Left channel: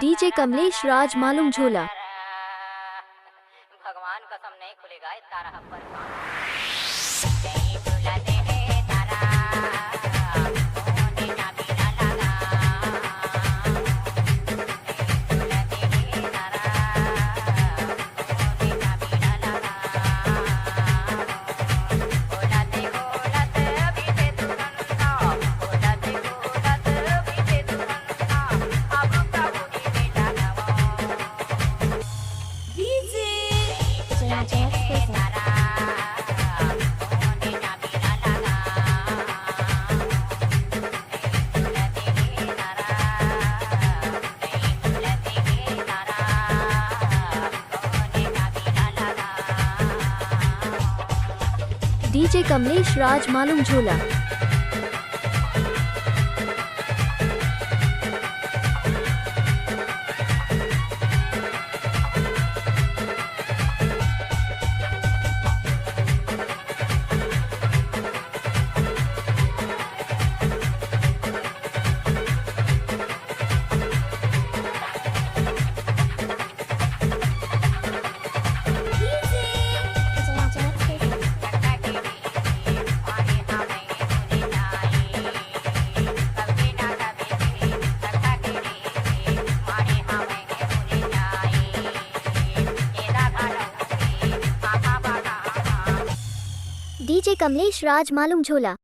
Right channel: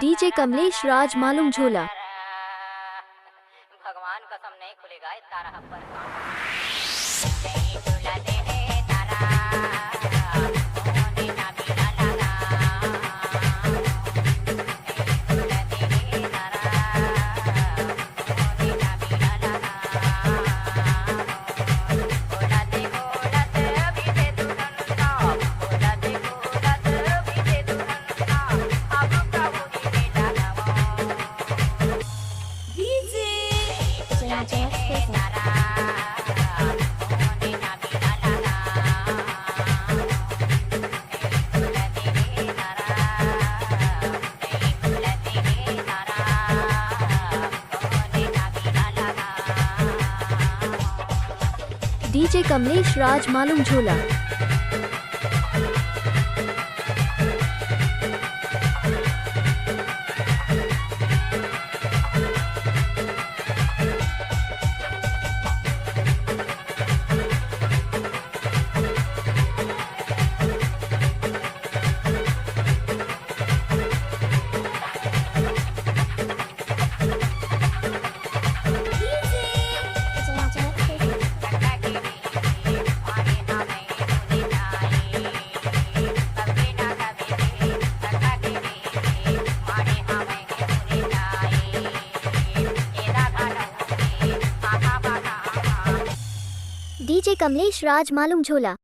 डीजे कमलेश राज मालूम झोला। भगवान कसम नहीं खुलेगा ये तारा पर डीजे कमलेश राज मालूम झोला। डीजे कमलेश राज मालूम झोला।